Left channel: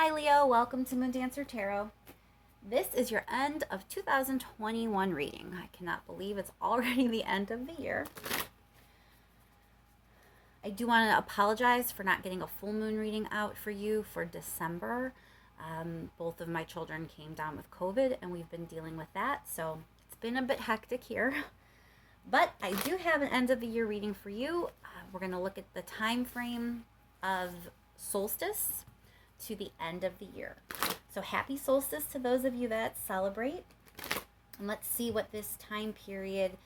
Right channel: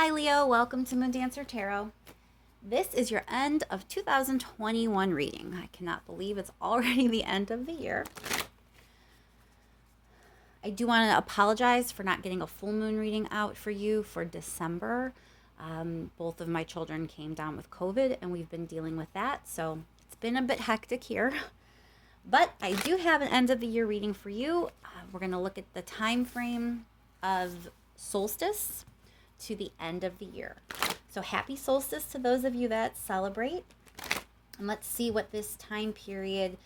Hi Leo, welcome to Moon Dancer Tarot. This is your end of 2021 reading. I cannot believe it's already the end of the year. I do want to apologize for not getting a full moon reading out for you for December. Both of my children came down with COVID and we've been dealing with that, so it's been a bit hectic here. But I do have an end of the year reading for you. We're going to look at the time frame of solstice to the end of the year. So happy solstice to those of you that celebrate. And let's see what this time period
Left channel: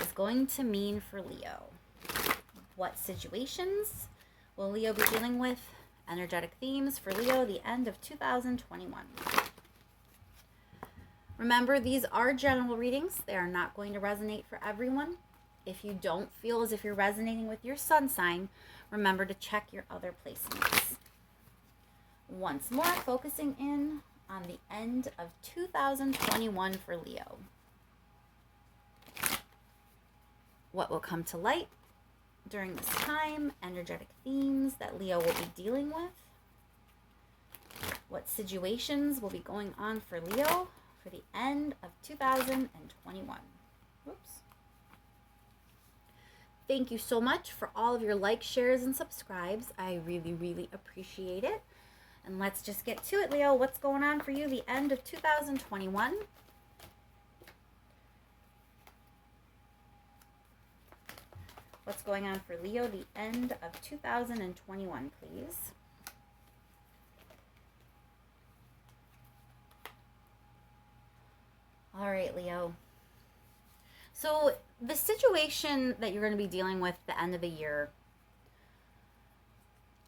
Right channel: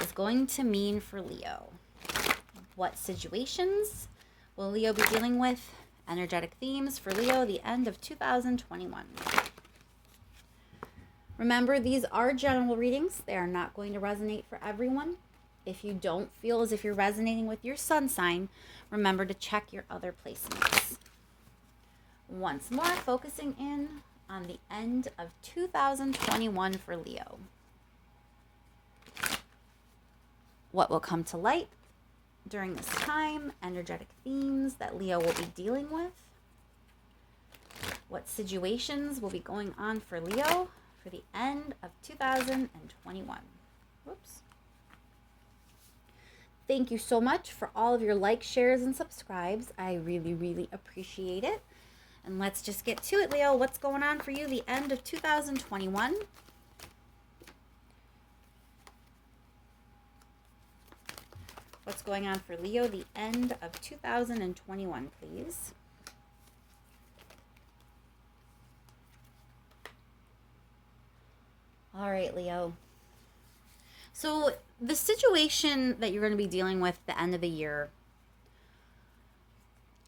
is going to mean for Leo. What situations will Leo be dealing with? Energetic themes for Leo, the end of 2021. Remember, these are general readings. They are not going to resonate for everyone. If you don't feel as if you're resonating with your sun sign, remember to check your other placements. Once more, focusing in on the end of 2021 for Leo. What will come to light during this time? Energetic themes that Leo will be dealing with. What situations will be going on for Leo for the end of 2021. Whoops. Thank you so much for all of your likes, shares, and subscribes. I really, really appreciate it. And let's just get to it, Leo. What's going on for you the end of 2021? What's going on for Leo the end of 2021, please? All right, Leo. So the situation that you're going to be dealing with the end of the year,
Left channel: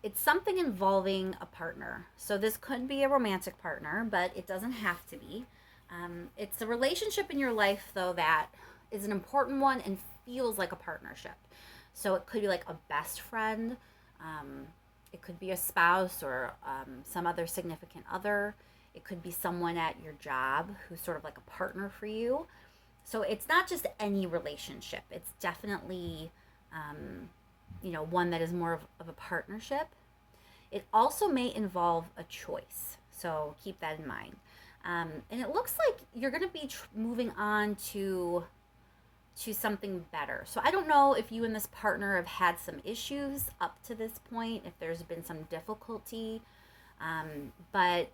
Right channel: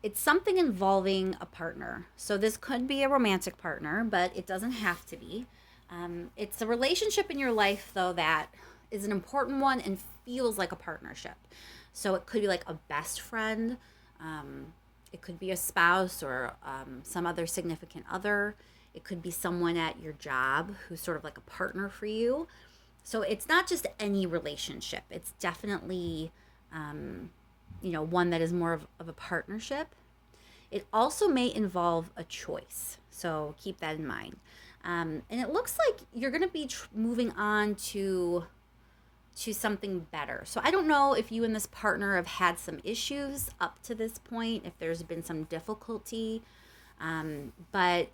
it's something involving a partner. So this could be a romantic partner, but it doesn't have to be. It's a relationship in your life, though, that is an important one and feels like a partnership. So it could be like a best friend. It could be a spouse or some other significant other. It could be someone at your job who's sort of like a partner for you. So it's not just any relationship. It's definitely one that is more of a partnership. It also may involve a choice, so keep that in mind. And it looks like you're going to be moving on to something better. So I don't know if you and this partner have had some issues up to this point, if there's been some difficulty, but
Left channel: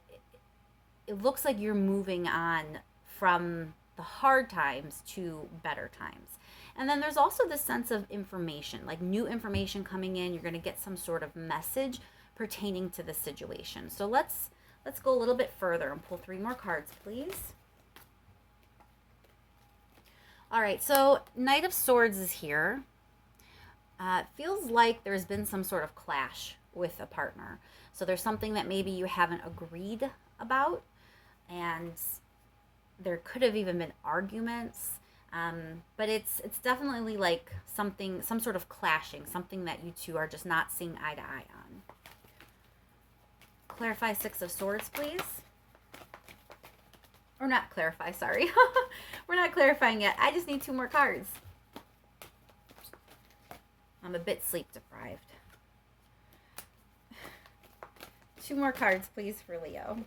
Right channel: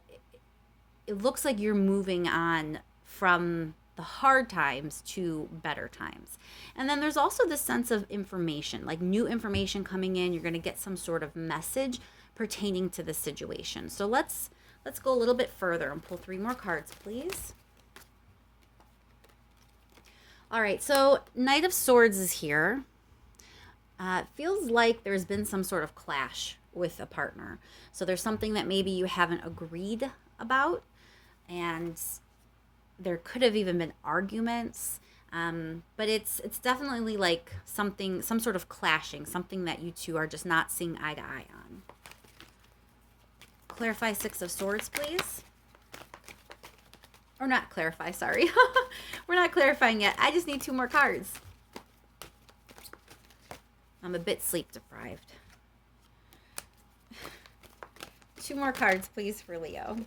it looks like you're moving on from the hard times to better times. And then there's also this sense of information, like new information coming in. You're going to get some sort of message pertaining to the situation. So let's go a little bit further and pull 3 more cards, please. All right, so Knight of Swords is here. It feels like there's been some sort of clash with a partner. So there's something that maybe you haven't agreed about, and there could have even been arguments. But it's definitely like some sort of clashing, something that you two are just not seeing eye to eye on. Clarify 6 of Swords, please. Or not clarify, sorry. We're not clarifying yet. I just need 2 more cards. I'm a bit sleep deprived. 2 more cards, please, for Leo.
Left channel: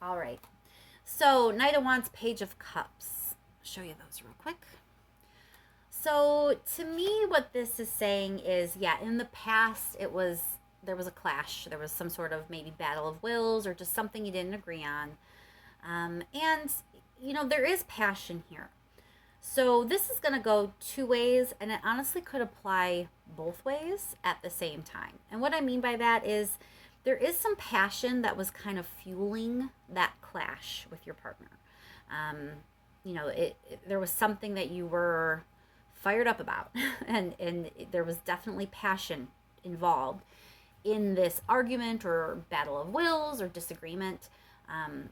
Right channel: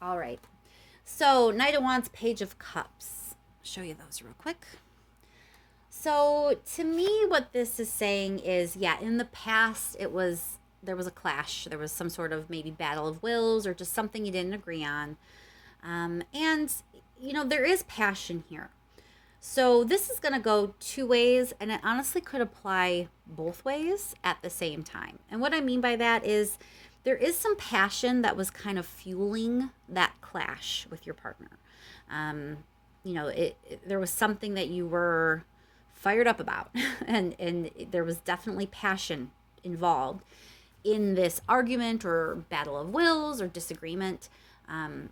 All right. So Knight of Wands, Page of Cups. Show you those real quick. So to me, what this is saying is, yeah, in the past, there was a clash. There was some sort of maybe battle of wills or just something you didn't agree on. And, there is passion here. So this is going to go 2 ways, and it honestly could apply both ways at the same time. And what I mean by that is there is some passion that was kind of fueling that clash with your partner. There was something that you were fired up about, and there was definitely passion involved in this argument or battle of wills or disagreement,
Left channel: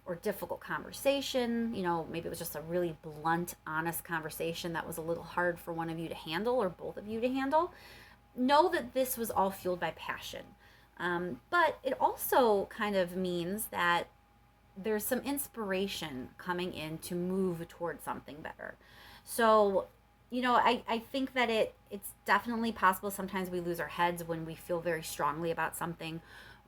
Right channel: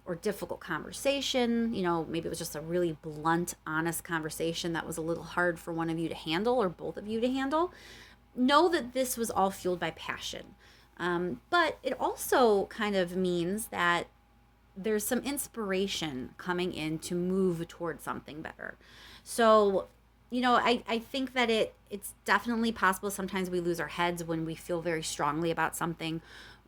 or difficult conversation. Maybe it was just a really blunt, honest conversation that was a little hard for one of you to handle or both of you to handle. Know that this was all fueled by passion. But it also kind of means that there's some inspiration coming in to move towards something better. So I think that it's definitely possible sometimes we lose our heads when we feel very strongly about something.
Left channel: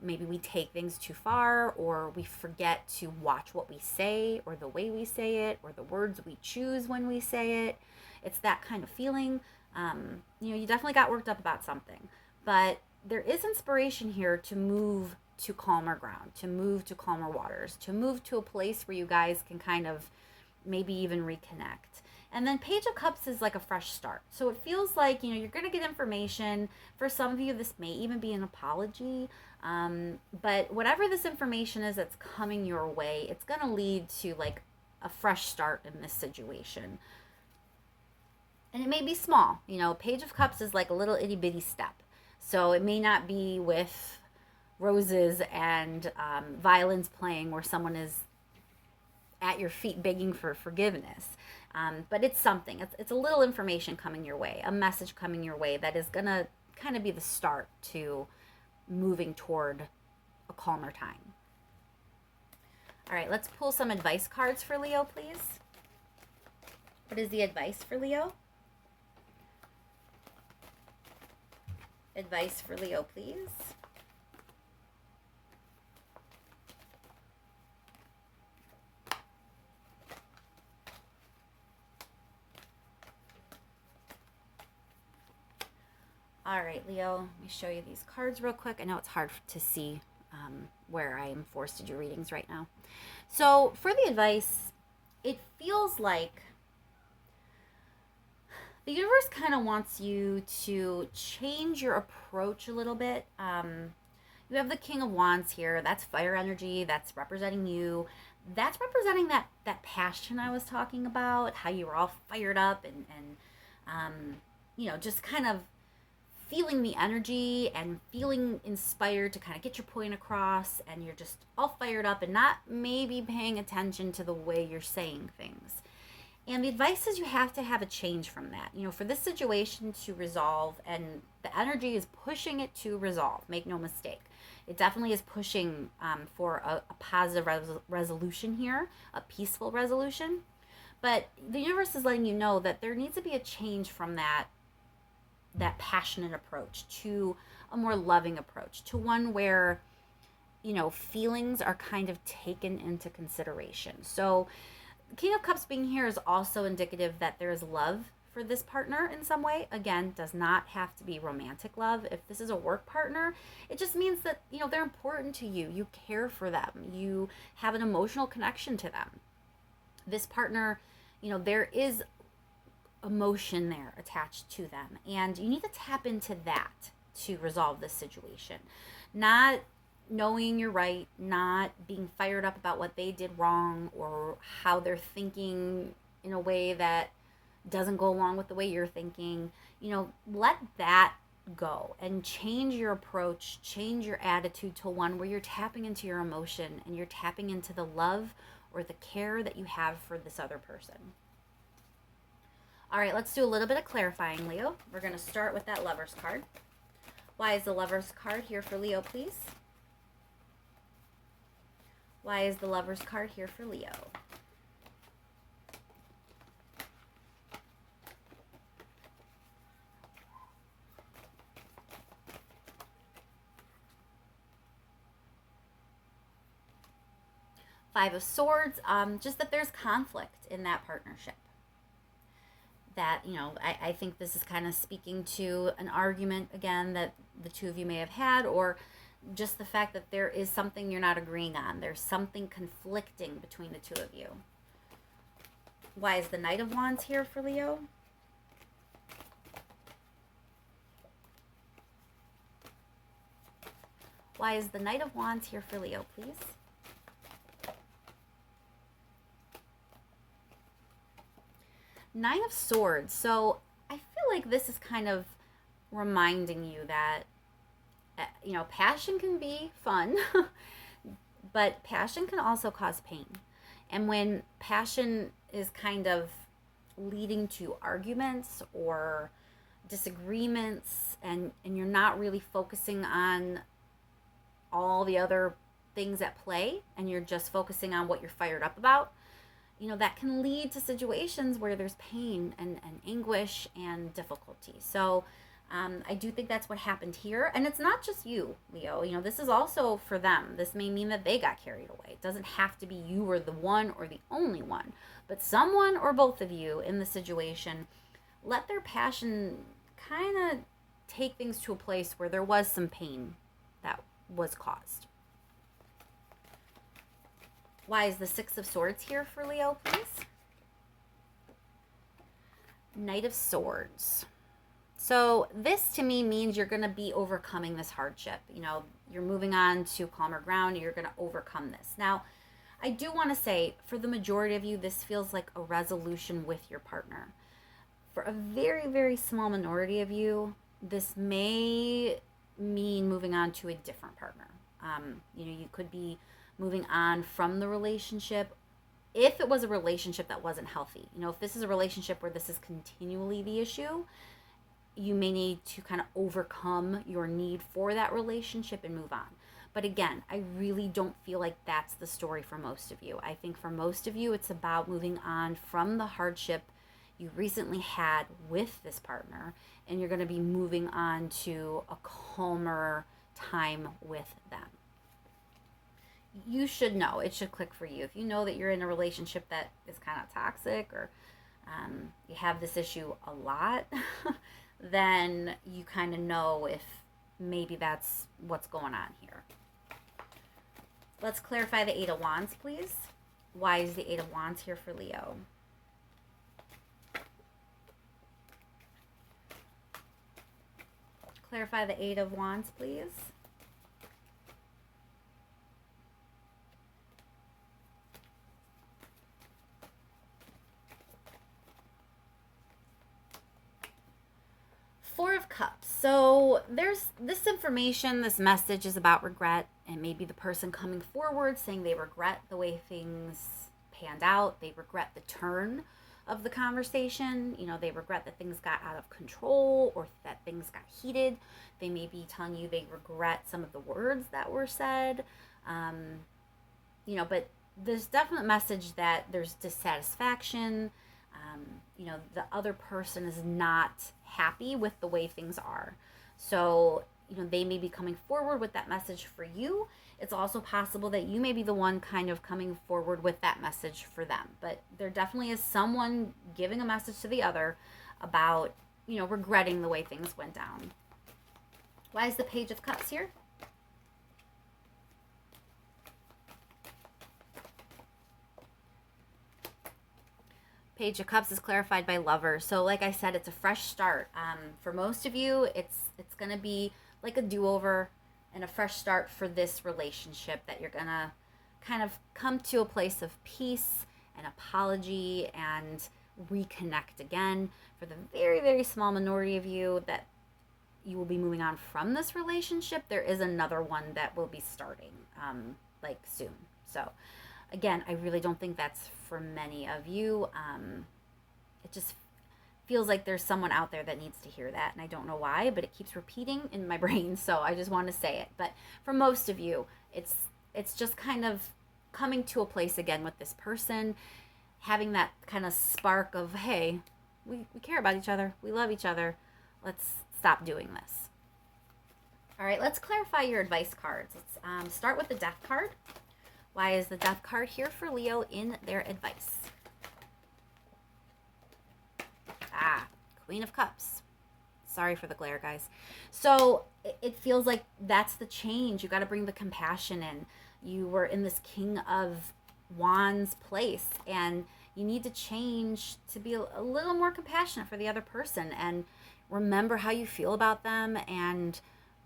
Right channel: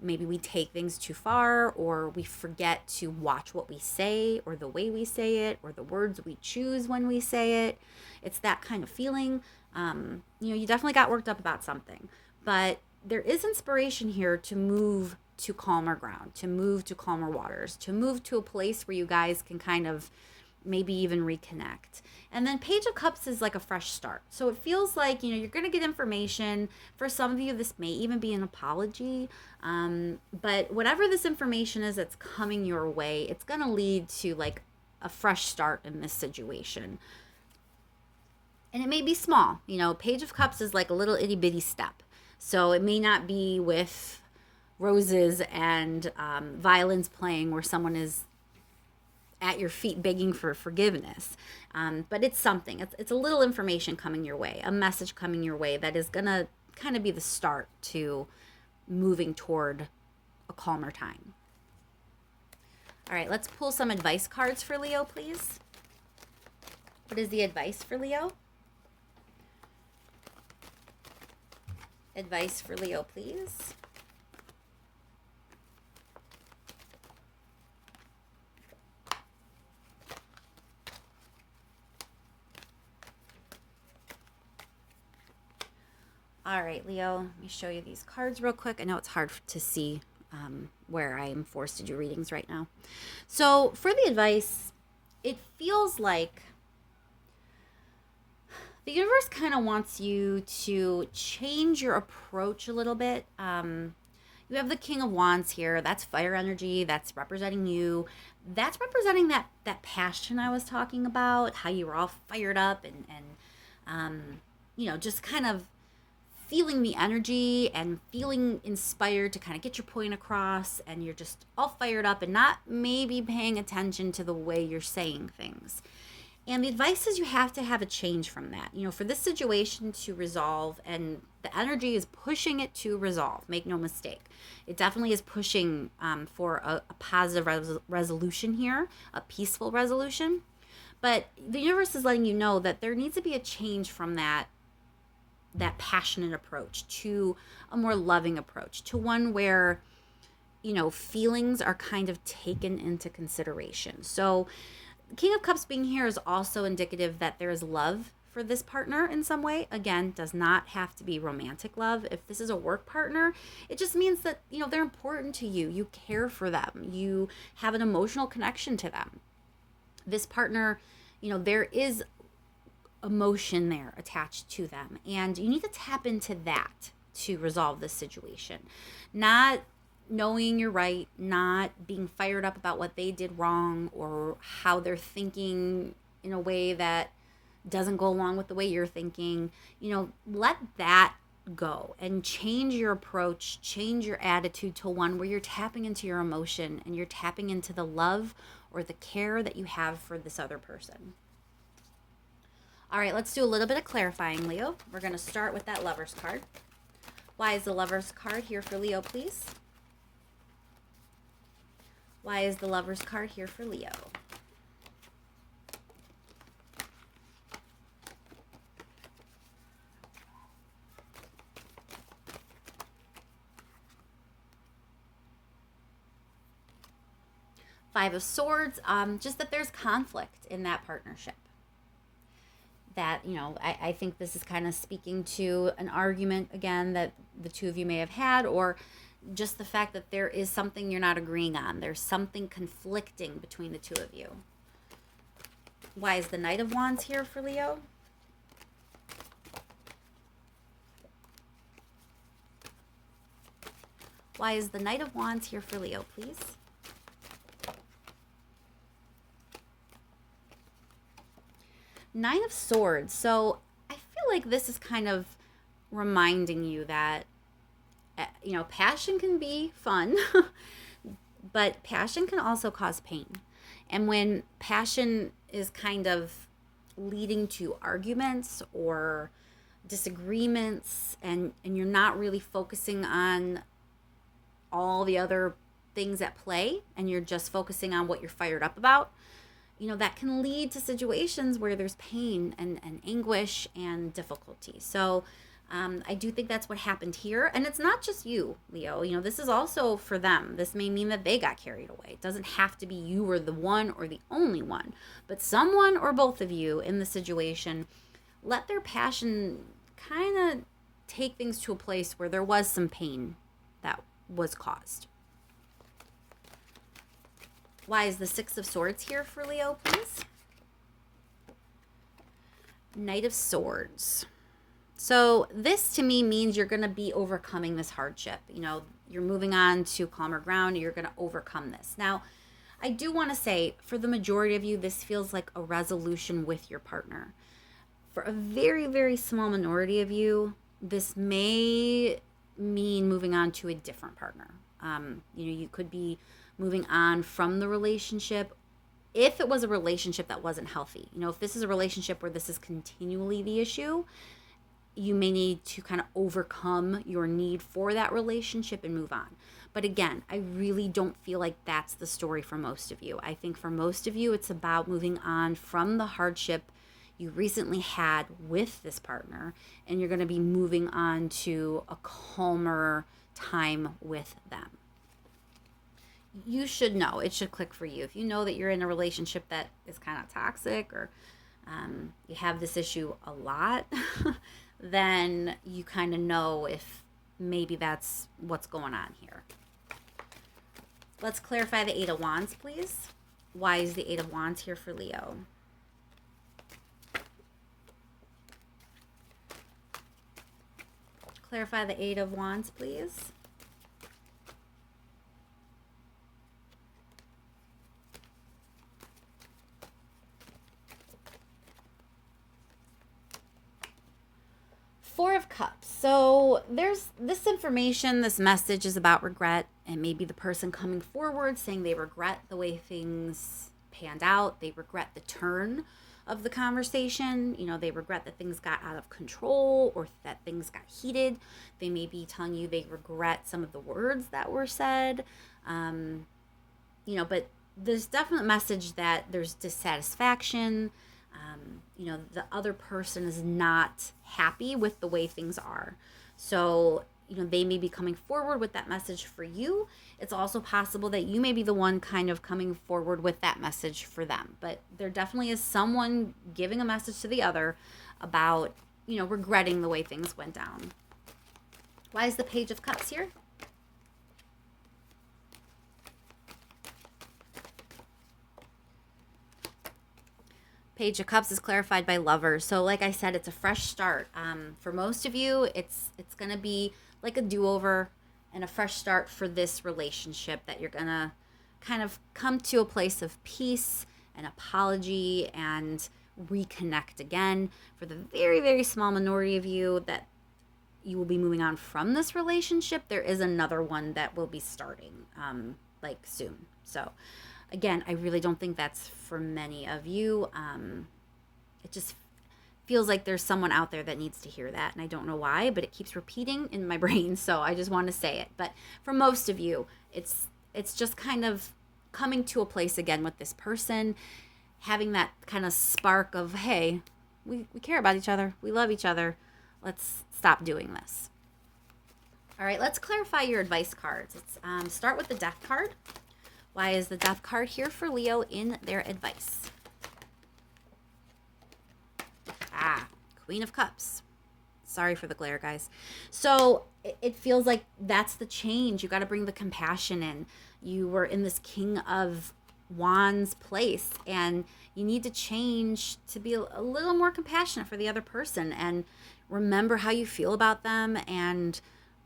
Maybe we take things too far, or we forget to watch what we say, or the way we say it, or the words we choose when we say it. It's that kind of feeling. You definitely got worked up about something, but there is inspiration here to move to calmer ground, to move to calmer waters, to move to a place where you guys can kind of maybe even reconnect. And then Page of Cups is like a fresh start. So it feels like, you're going to get information. For some of you, this may even be an apology. But whatever this information is that's coming your way, it's going to lead to like a fresh start in this situation. And it may be small. Page of Cups is like a little itty bitty step. So it may not be with roses and violins playing where someone is at your feet begging for forgiveness. But it's something. It's a little information coming your way, a message coming your way that is going to kind of be the start to moving toward a calmer time. All right, let's pull some advice cards for Leo, please. What is the advice for Leo? Advice for Leo, please. All right, Leo, let me show you these cards real quick. I know it's hard to see where I am forced to do readings right now. So for the advice, it feels like the universe kind of wants you to change your approach a little bit. You have the King of Wands here. That's fire energy. That's representing you. That's representing that passion I was talking about, how you were all fired up and just kind of feeling the energy and feeling inspired to kind of get your point across, and you're just all fired up and not maybe paying attention to the way you're saying things. And the advice is you have to have a change from that, for this situation to resolve, and the energy is pushing it to resolve. Make no mistake. It definitely is pushing for a positive resolution here, a peaceful resolution. But the universe is letting you know that there needs to be a change from that passionate approach to a more loving approach, to one where feelings are kind of taken into consideration. So King of Cups being here is also indicative that there is love for this partner in some way. Again, does not have to be romantic love. If this is a work partner, it just means that they're important to you. You care for them. You have an emotional connection to them. This partner, there is emotion there attached to them, and you need to tap into that to resolve this situation. Not knowing you're right, not being fired up about what they did wrong or how they're thinking in a way that doesn't go along with the way you're thinking. Let that go and change your approach, change your attitude to one where you're tapping into your emotion and you're tapping into the love or the care that you have for this other person. All right, let's do a little bit of clarifying, Leo. We're going to start with that Lover's card. Why is the Lover's card here for Leo, please? Why is the Lover's card here for Leo? Five of Swords, just that there's conflict in that partnership. That, I think this is kind of speaking to an argument, again, that the two of you may have had, or just the fact that there is something you're not agreeing on. There's something conflicting between the two of you. Why is the Knight of Wands here for Leo? Why is the Knight of Wands here for Leo, please? Nine of Swords. So I feel like this is kind of reminding you that, passion can be fun, but passion can also cause pain. And when passion is kind of leading to arguments or disagreements, and you're not really focusing on all the other things at play, and you're just focusing on what you're fired up about, that can lead to situations where there's pain and anguish and difficulty. So I do think that's what happened here. And it's not just you, Leo. This is also for them. This may mean that they got carried away. It doesn't have to be you or the one or the only one, but someone or both of you in the situation let their passion kind of take things to a place where there was some pain that was caused. Why is the Six of Swords here for Leo, please? Knight of Swords. So this to me means you're going to be overcoming this hardship. You're moving on to calmer ground. You're going to overcome this. Now, I do want to say for the majority of you, this feels like a resolution with your partner. For a very, very small minority of you, this may mean moving on to a different partner. You could be moving on from the relationship if it was a relationship that wasn't healthy. If this is a relationship where this is continually the issue, you may need to kind of overcome your need for that relationship and move on. But again, I really don't feel like that's the story for most of you. I think for most of you, it's about moving on from the hardship you recently had with this partner, and you're going to be moving on to a calmer time with them. You should know, it should click for you. If you know that you're in a relationship that is kind of toxic, or you have this issue a lot, then you kind of know if maybe that's what's going on here. Let's clarify the Eight of Wands, please. Why is the Eight of Wands here for Leo? Clarify the Eight of Wands, please. Four of Cups. So there's this information, this message is about regret, and maybe the person coming forward saying they regret the way things panned out. They regret the turn of the conversation. They regret that things got out of control or that things got heated. They may be telling you they regret some of the words that were said. But there's definite message that there's dissatisfaction. The other person is not happy with the way things are. So, they may be coming forward with that message for you. It's also possible that you may be the one kind of coming forward with that message for them. But there definitely is someone giving a message to the other about, regretting the way things went down. Why is the Page of Cups here? Page of Cups is clarified by Lovers. So like I said, it's a fresh start. For most of you, it's going to be like a do-over and a fresh start for this relationship, that you're going to kind of come to a place of peace and apology and reconnect again. For the very, very small minority of you that you will be moving on from this relationship, there is another one that will be starting soon. So again, I really don't think that's for many of you. It just feels like there's someone out there that needs to hear that, and I don't know why, but it keeps repeating in my brain, so I just want to say it. But for most of you, it's just kind of coming to a place again with this person, having that kind of spark of, hey, we care about each other, we love each other, let's stop doing this. All right, let's clarify your advice cards. Let's start with the Death card. Why is the Death card here for Leo in their advice? Queen of Cups. Sorry for the glare, guys. So it feels like that's the change. You got to bring the compassion in. You were in this King of Wands place, and you need to change to be a little more compassionate for the other person, and remember how you feel about them, and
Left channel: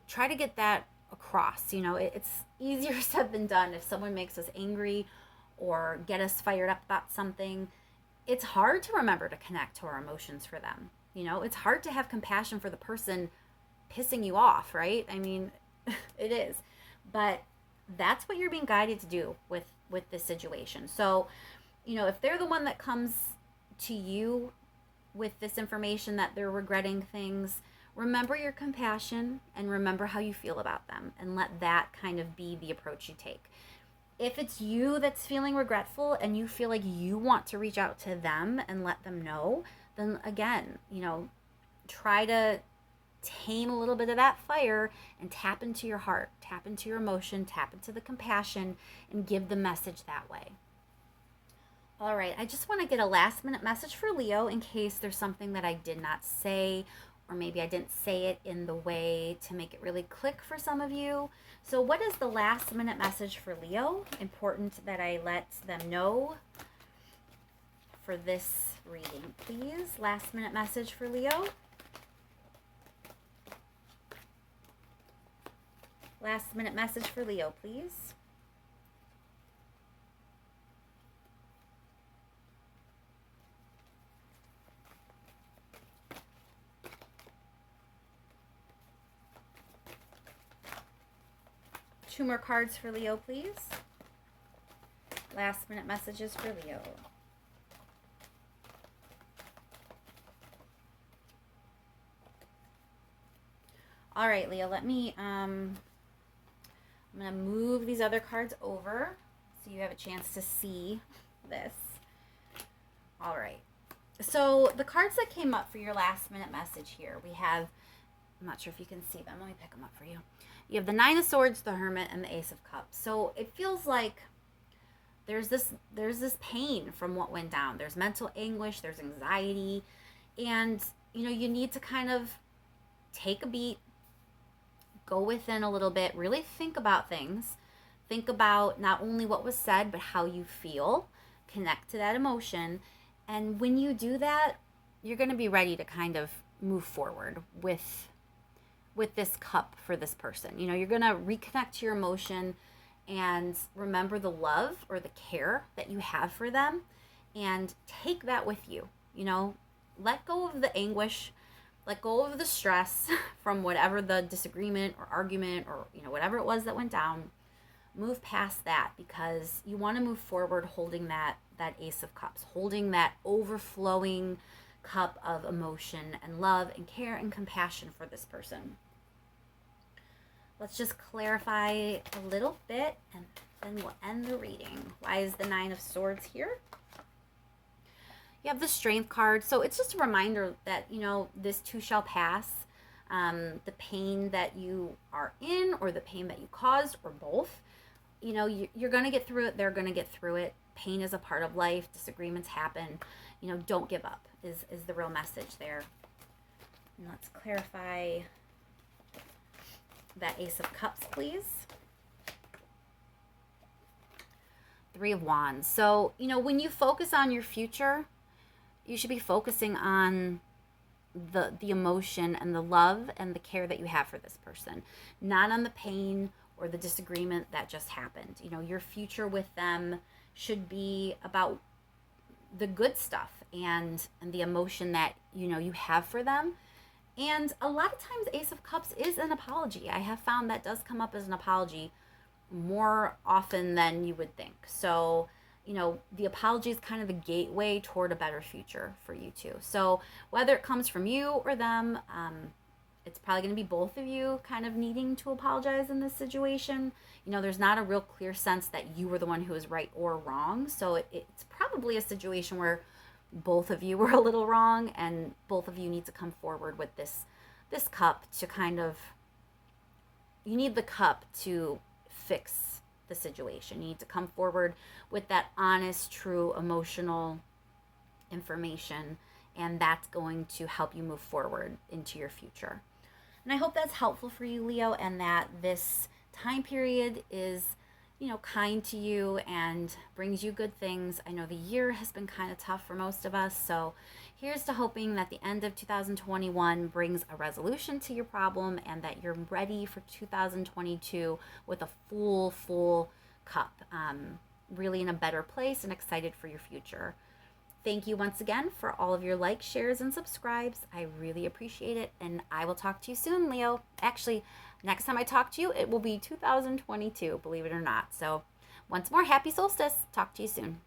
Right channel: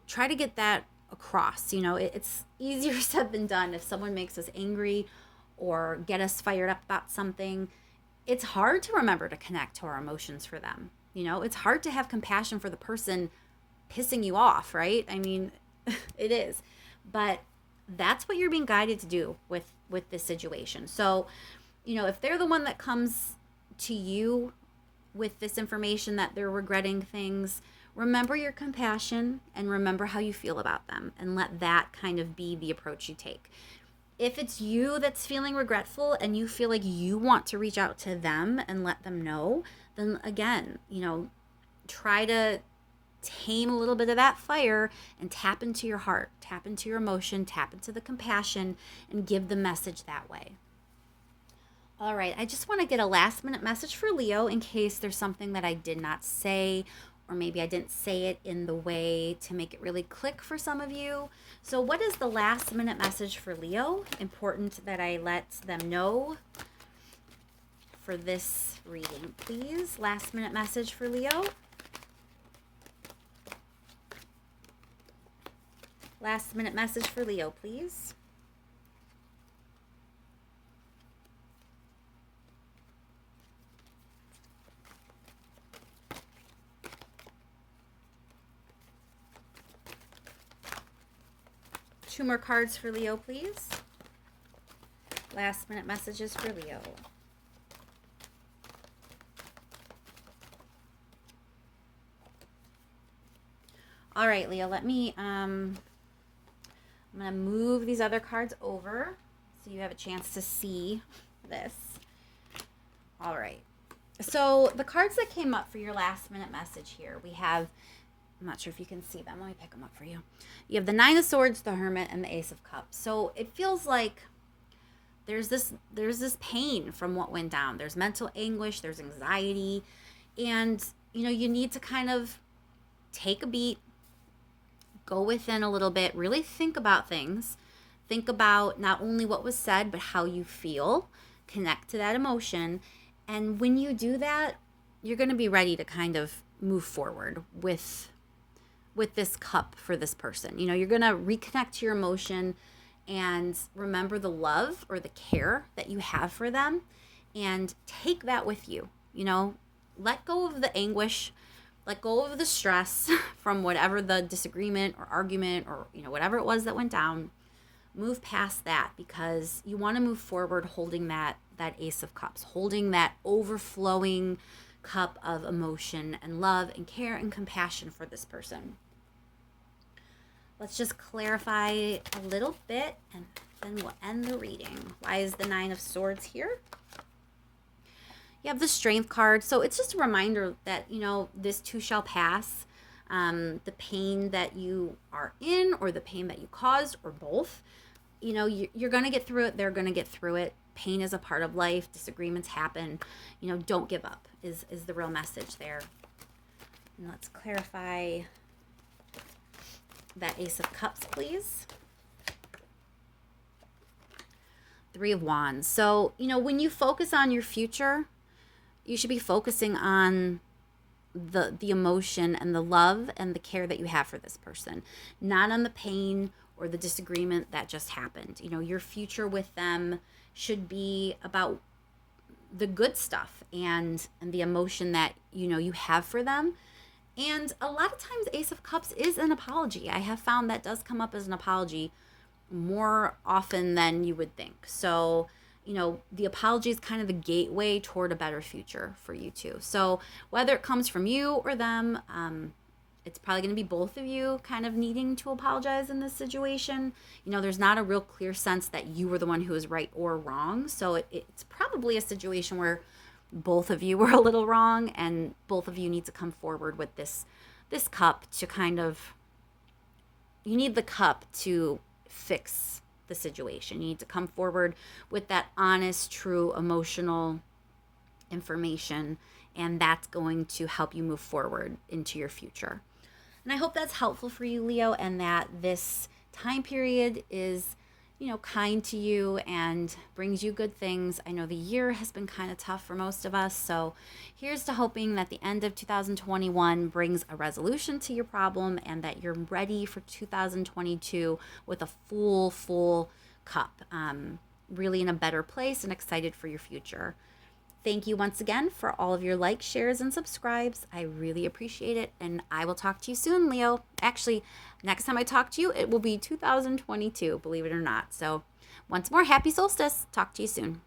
try to get that across. It's easier said than done. If someone makes us angry or get us fired up about something, it's hard to remember to connect to our emotions for them. It's hard to have compassion for the person pissing you off, right? I mean, it is. But that's what you're being guided to do with this situation. So, if they're the one that comes to you with this information that they're regretting things, remember your compassion and remember how you feel about them, and let that kind of be the approach you take. If it's you that's feeling regretful and you feel like you want to reach out to them and let them know, then again, try to tame a little bit of that fire and tap into your heart, tap into your emotion, tap into the compassion, and give the message that way. All right, I just want to get a last minute message for Leo in case there's something that I did not say, or maybe I didn't say it in the way to make it really click for some of you. So, what is the last minute message for Leo? Important that I let them know for this reading, please. Last minute message for Leo. Last minute message for Leo, please. Two more cards for Leo, please. Last minute messages for Leo. All right, Leo, let me, I'm going to move these other cards over so you have a chance to see this. All right. So the cards that came up for your last minute message here, we have, I'm not sure if you can see them. Let me pick them up for you. You have the Nine of Swords, the Hermit, and the Ace of Cups. So it feels like there's this pain from what went down. There's mental anguish, there's anxiety, and you need to kind of take a beat, go within a little bit, really think about things. Think about not only what was said, but how you feel. Connect to that emotion. And when you do that, you're going to be ready to kind of move forward with this cup for this person. You're going to reconnect to your emotion and remember the love or the care that you have for them and take that with you. Let go of the anguish, let go of the stress from whatever the disagreement or argument or whatever it was that went down. Move past that because you want to move forward holding that Ace of Cups, holding that overflowing cup of emotion and love and care and compassion for this person. Let's just clarify a little bit and then we'll end the reading. Why is the Nine of Swords here? You have the Strength card. So it's just a reminder that, this too shall pass. The pain that you are in or the pain that you caused or both, you're going to get through it. They're going to get through it. Pain is a part of life. Disagreements happen. Don't give up is the real message there. And let's clarify that Ace of Cups, please. Three of Wands. So, when you focus on your future, you should be focusing on the emotion and the love and the care that you have for this person, not on the pain or the disagreement that just happened. Your future with them should be about the good stuff and the emotion that you have for them. And a lot of times Ace of Cups is an apology. I have found that does come up as an apology more often than you would think. So the apology is kind of the gateway toward a better future for you two. So whether it comes from you or them, it's probably going to be both of you kind of needing to apologize in this situation. There's not a real clear sense that you were the one who was right or wrong. So it's probably a situation where both of you were a little wrong and both of you need to come forward with this cup to kind of, you need the cup to fix the situation. You need to come forward with that honest, true, emotional information, and that's going to help you move forward into your future. And I hope that's helpful for you, Leo, and that this time period is, kind to you and brings you good things. I know the year has been kind of tough for most of us, so here's to hoping that the end of 2021 brings a resolution to your problem and that you're ready for 2022 with a full cup, really in a better place and excited for your future. Thank you once again for all of your likes, shares, and subscribes. I really appreciate it, and I will talk to you soon, Leo. Actually, next time I talk to you, it will be 2022, believe it or not. So once more, happy solstice. Talk to you soon.